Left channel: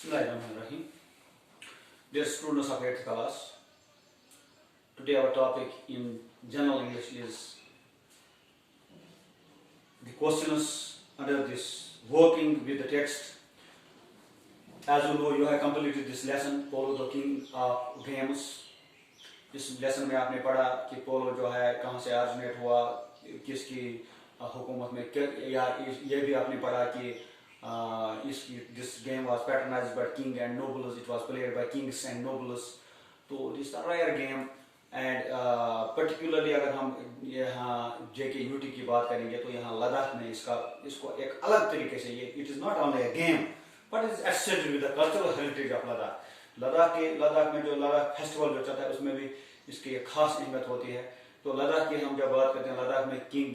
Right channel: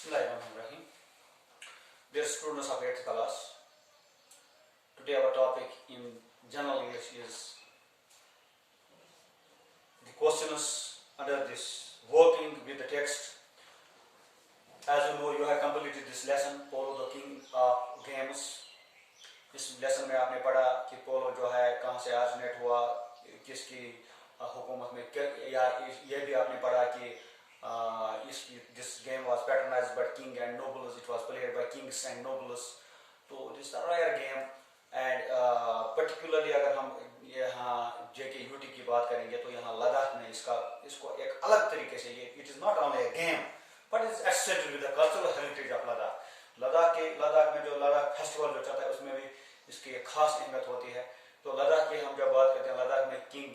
Bismillahirrahmanirrahim. Dear students of 8th class, today our topic in general English is the questions under this working with the text. As you know, you have completed this lesson, Polo the King of Games. इस lesson में आपने पढ़ा कि polo जो है कहाँ से originate हुआ, किसकी हुकूमत में, या ये भी आपने पढ़ा कि this game was patronized by king and nobles. It was played by kings and nobles. तो this is a rare game and particularly अगर हम यहाँ JKUT की बात करेंगे तो यहाँ लद्दाख में इसको एक अलग तरीके से ये it is not only a game but it is associated with the cultural heritage of Ladakh. Ladakh में जो लद्दाख फेस्टिवल जो चलता है उसमें भी इसकी एक खास अहमियत होती है. तो लद्दाख की हम जब बात करते हैं, लद्दाख में किंग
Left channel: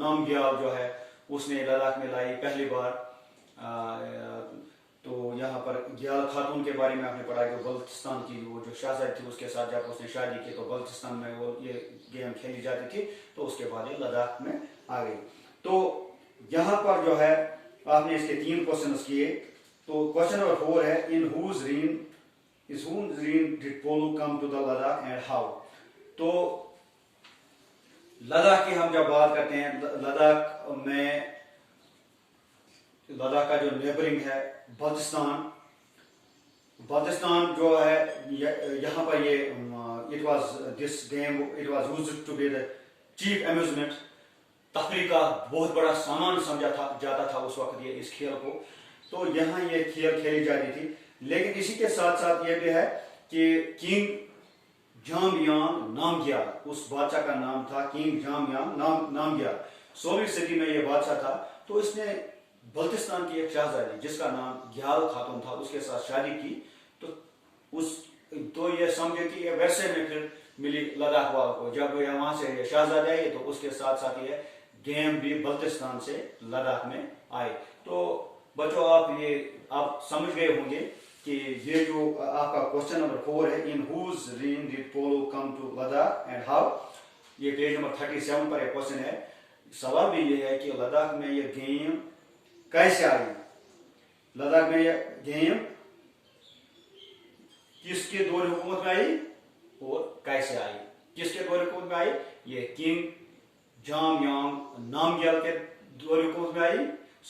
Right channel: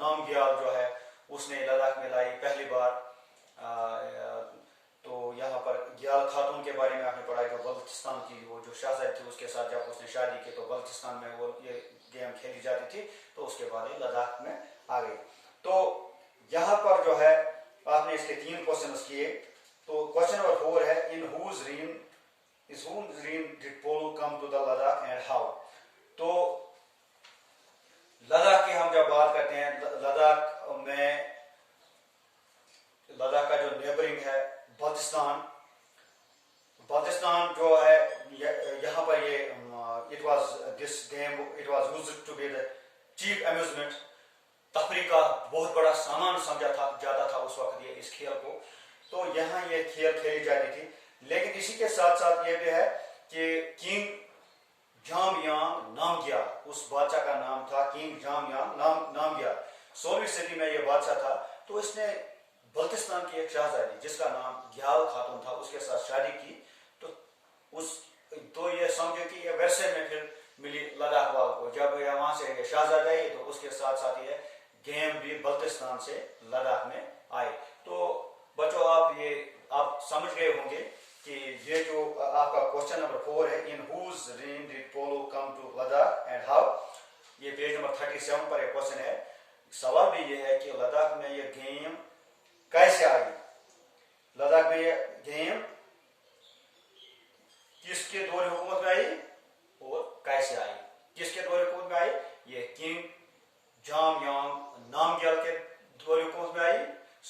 नामग्याल जो है उसने लद्दाख में लाई पहली बार. तो यहाँ पर ग्याल खातून के बारे में आपने पढ़ा जो बल्तिस्तान की वो जो शहजादी थी उसके साथ जब उसने शादी की तो बल्तिस्तान में वो ये गेम खेली जाती थी. तो उसके बाद ये लद्दाख में आ गई. तो यहाँ पर जो है आपने इसके 3 क्वेश्चन किए. तो क्वेश्चन नंबर 4 है, इन whose reign did Polo come to the Ladakh and how? तो लद्दाख की हम जब बात करते हैं, लद्दाख का जो नेबरिंग है बल्तिस्तान जो है यहाँ पर ये it was used to be the chief amusement. तफरीह का बहुत बड़ा सामान समझा जाता था उस वक्त ये इस खेल को. तो यहाँ ये खेल खेली जाती थी. लेकिन इसी के साथ साथ ये भी है कि किंग जामयांग नामग्याल, उस बादशाह का नाम था किंग जामयांग नामग्याल. 16वीं सदी में ये बादशाह था. तो इसने बल्तिस्तान की एक शहजादी जिसका नाम ग्याल खातून था उसके साथ शादी की. तो ये समझे कि ये वैसे में फिर मिली लद्दाख वालों को. जब ये वहां से शहजादी आई तो उसके साथ साथ ये गेम भी बल्तिस्तान से लद्दाख में आए. तो बच्चों आप समझ गए होंगे कि ये जो आपका क्वेश्चन नंबर 4 है, इन whose reign did Polo come to Ladakh and how, ये पेज नंबर 37 पर एक क्वेश्चन है. सवाल भी ये है कि लद्दाख में ये गेम कैसे आई. लद्दाख में ये गेम किसके दौर हुकूमत में आई और कैसे आई. किसके दौर हुकूमत में आई? ये किंग जामयांग नामग्याल के दौर हुकूमत में आई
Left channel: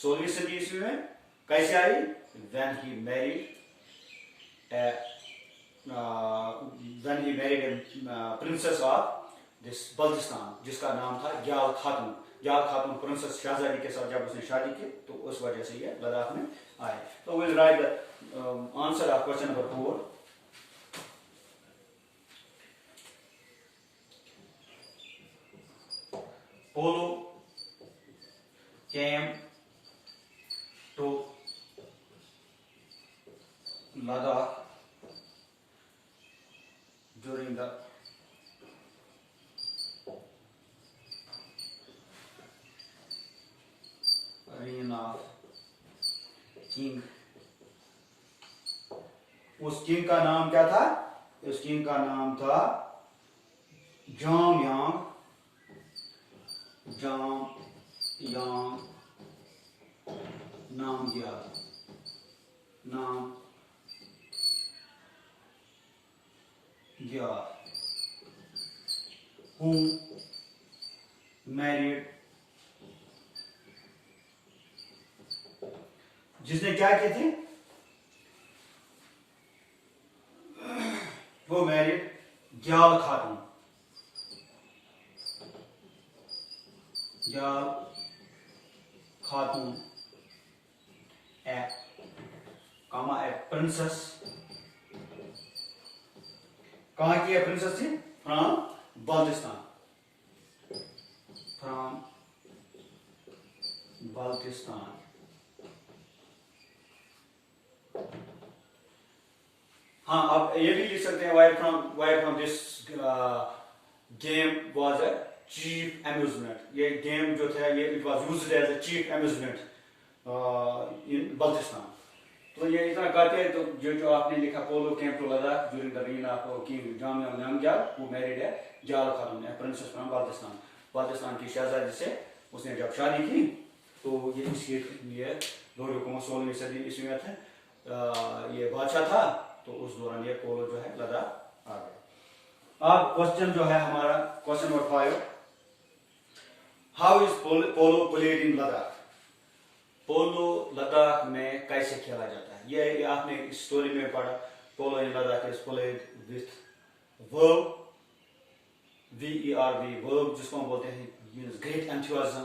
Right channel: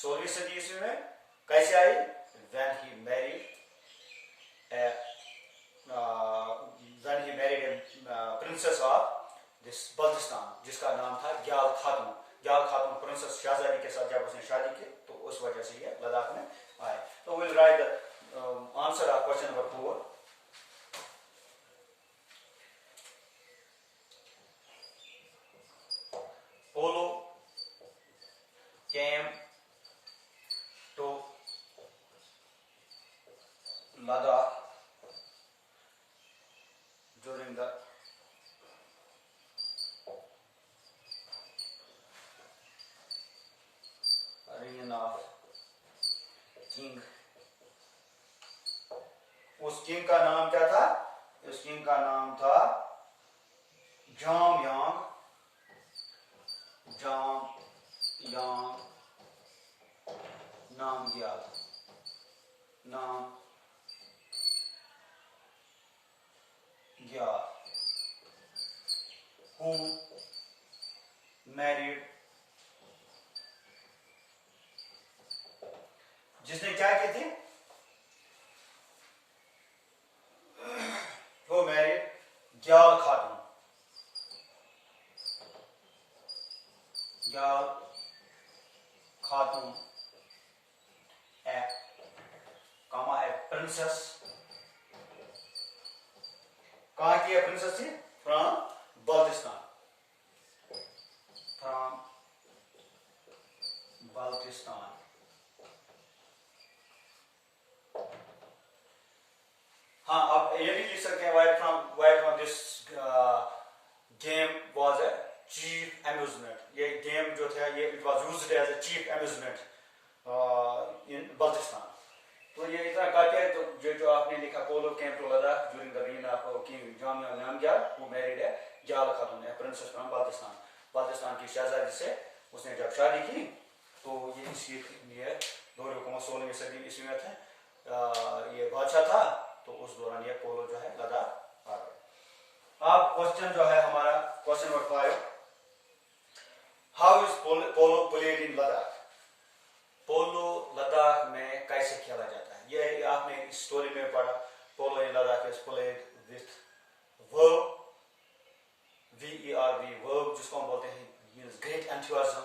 16वीं सदी ईस्वी में. कैसे आई? when he married a princess of this Baltistan जिसका नाम था ग्याल खातून. ग्याल खातून प्रिंसेस शहजादी के साथ जब उसने शादी की तो उस वजह से ये लद्दाख में आए. तो we'll write the answer of question number 4. Polo came to Ladakh during the reign of king. उस किंग का नाम क्या था? उस किंग का नाम था जामयांग नामग्याल. who married, जिसने क्या किए थे? वो मैरिड ग्याल खातून. ग्याल खातून ए प्रिंसेस. कहाँ की प्रिंसेस थी? फ्रॉम बल्तिस्तान. हाँ, अब ये भी लिख सकते हैं where from this game was a chief amusement. ये गेम जो था ये it was used as a chief amusement in Baltistan. तो ये इतना कहते हैं. तो जो आपने लिखा polo came to Ladakh during the reign of king Jamyang Namgyal who married a Gyal Khatun a princess from Baltistan की शहजादी से उसने जब शादी की तो ये इसकी ये दौर हुकूमत 16वीं सदी ईस्वी में थे. ये बादशाह था, तो उस दौरान ये पोलो जो है लद्दाख आ गया। अब क्वेश्चन जो है हमारा, question number 5, how is polo played in Ladakh? Polo Ladakh में कैसे खेला जाता है? ये आपने इस स्टोरी में पढ़ा, polo in Ladakh is played with verb, VERB, verb जिसको हम बोलते हैं मीन्स ग्रेट एंथुसियाज्म,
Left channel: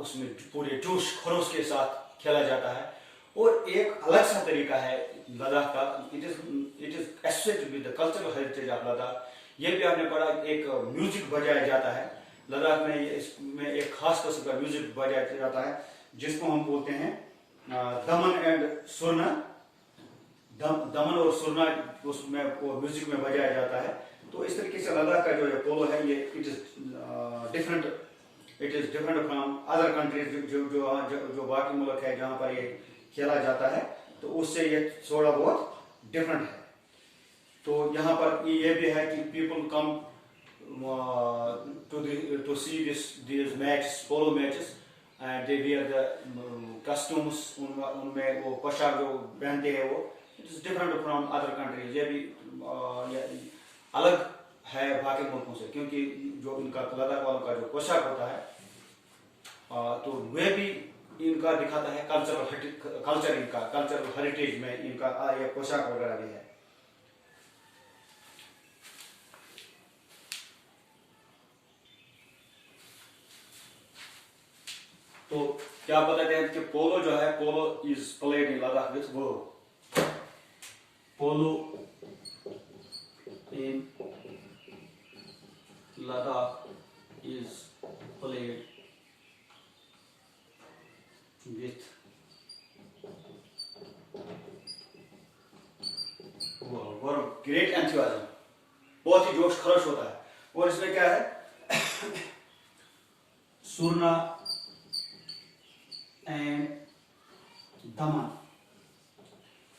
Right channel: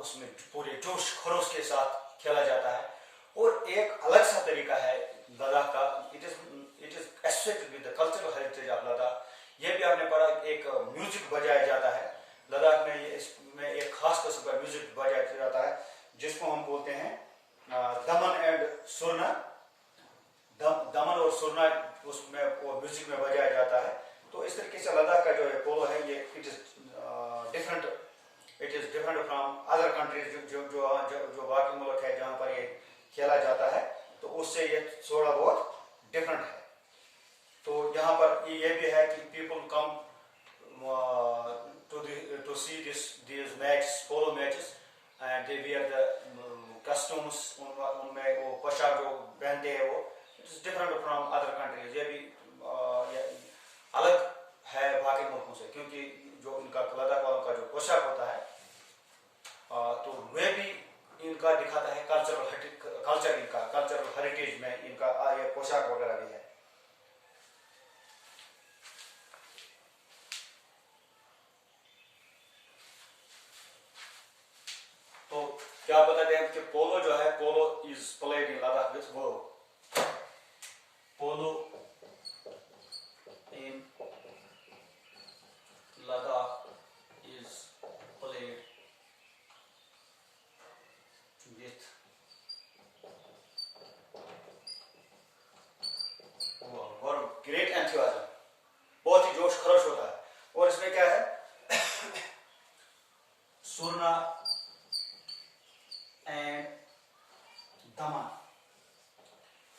उसमें पूरे जोश खरोश के साथ खेला जाता है। और एक अलग सा तरीका है लद्दाख का, it is associated with the cultural heritage of Ladakh. ये भी आपने पढ़ा, एक म्यूजिक बजाया जाता है लद्दाख में, इसमें एक खास किस्म का म्यूजिक बजाया जाता है जिसको हम बोलते हैं दमन एंड सुरना। दमन और सुरना उसमें वो म्यूजिक में बजाया जाता है। तो इस तरीके से लद्दाख का जो पोलो है ये it is different from other countries, जो बाकी मुल्क है जहाँ पर ये खेला जाता है, तो उससे ये थोड़ा बहुत डिफरेंट है। तो यहाँ पर ये भी है कि people come to see this match, polo matches, and they wear the customs, उनमें वो पोशाक जो पहनते हैं वो it is different from other countries. ये भी अलग है बाकी मुल्कों से, क्योंकि जो इनका लद्दाख वालों का जो पोशाक होता है तो वे भी इनका दिखाता है कल्चरल हेरिटेज में इनका ये पोशाक वगैरह भी है। तो क्या बताते हैं कि पोलो जो है, polo is played in Ladakh with verb. Polo in Ladakh is played with verb, great enthusiasm, बहुत ही जोश खरोश होता है। और इसमें क्या है सुरना and Daman,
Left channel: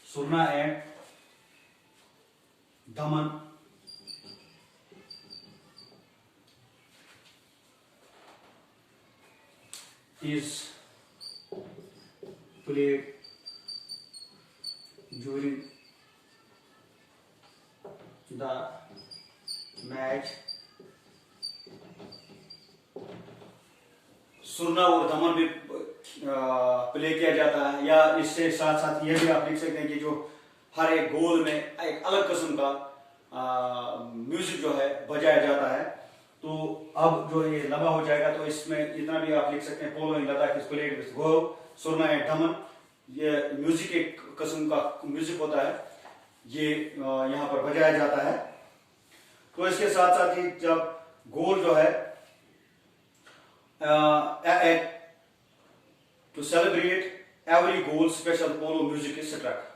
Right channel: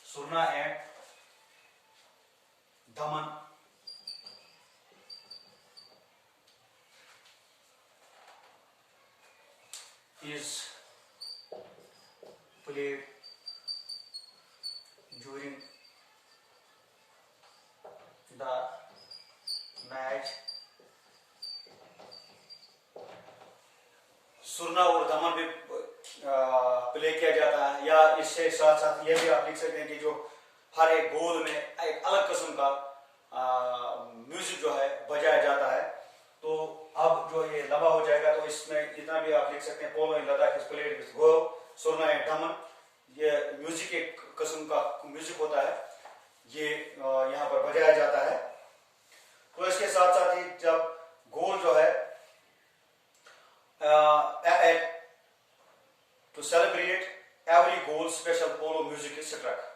सुरना and Daman is played during the match। सुरना और दमन भी प्ले किया जाता है, या इससे साथ साथ ये भी आप लिख सकते हैं कि जो हर एक गोल में एक अलग किस्म का म्यूजिक जो है बजाया जाता है। तो अब जो ये लंबा हो जाएगा तो इसमें इतना भी आप लिख सकते हैं, polo in Ladakh is played with verb, surna and daman, ये म्यूजिक एक किस्म का म्यूजिक होता है, ये यहाँ पर बजाया जाता है। तो इसके साथ साथ ही जब गोल जो है to celebrate every goal special polo music is struck.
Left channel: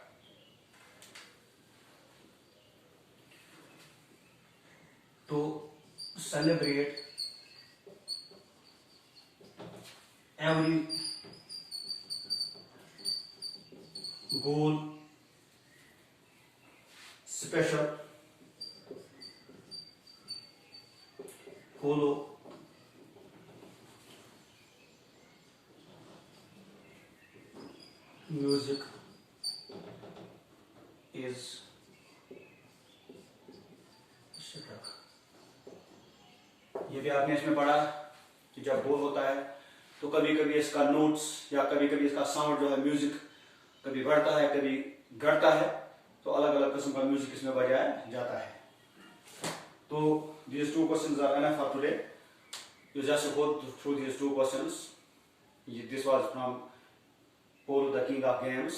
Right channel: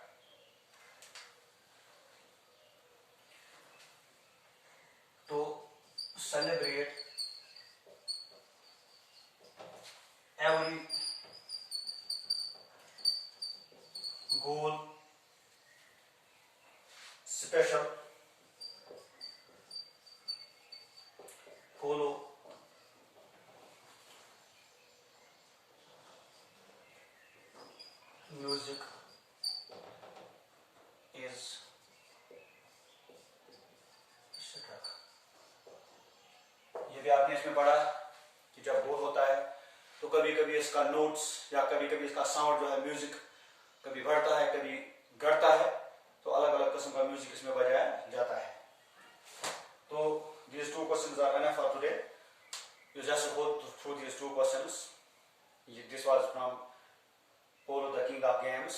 तो celebrate every goal special polo music is struck। ये भी आपने इसमें पढ़ा कि जब गोल होता है तो कभी कभी इसका नोट्स या कभी कभी इसका साउंड जो है म्यूजिक कभी बढ़ता है कभी घटता है, तो अलग अलग किस्म का म्यूजिक इसमें बजाया जाता है। तो these two questions are enough for today. You just go through these two questions. This was from polo the king of games.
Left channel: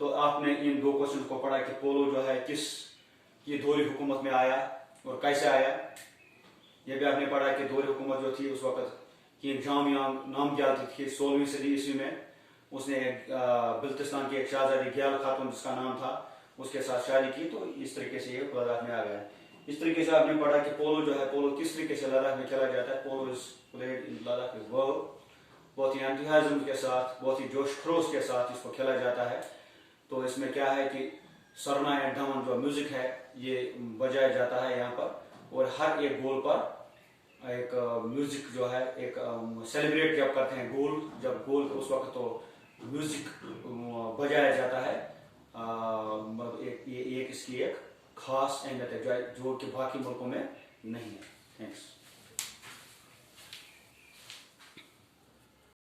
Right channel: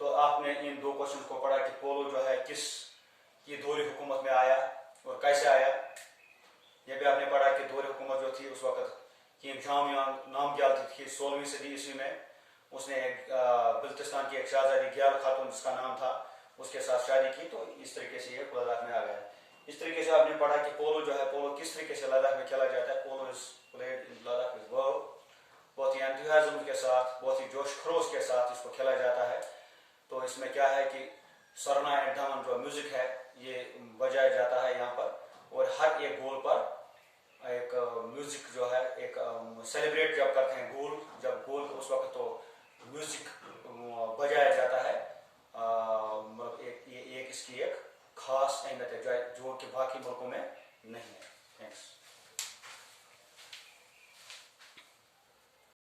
तो आपने इन दो क्वेश्चन को पढ़ा कि पोलो जो है किस ये दौरी हुकूमत में आया और कैसे आया। यह भी आपने पढ़ा कि दौरी हुकूमत जो थी उस वक्त किंग जामियान नामग्याल थी 16वीं सदी ईस्वी में, उसने बल्तिस्तान की एक शहजादी ग्याल खातून जिसका नाम था उसके साथ शादी की, तो इस तरीके से ये लद्दाख में आ गया। इस तरीके से आपने पढ़ा कि पोलो जो है पोलो किस तरीके से लद्दाख में खेला जाता है। Polo is played in Ladakh is verb, बहुत ही एंथुसियाज्म के साथ बहुत ही जोश खरोश के साथ इसको खेला जाता है। तो इसमें क्या है कि सरना एंड दमन जो म्यूजिक है ये बजाया जाता है यहाँ पर, और हर एक गोल पर एक म्यूजिक जो है एक सेलिब्रेट जब करते हैं गोल, जब गोल उस वक्त तो म्यूजिक बजाया जाता है, मतलब एक इसकी एक खास अहमियत है जो कि बाकी मुल्कों में नहीं है। थैंक्स।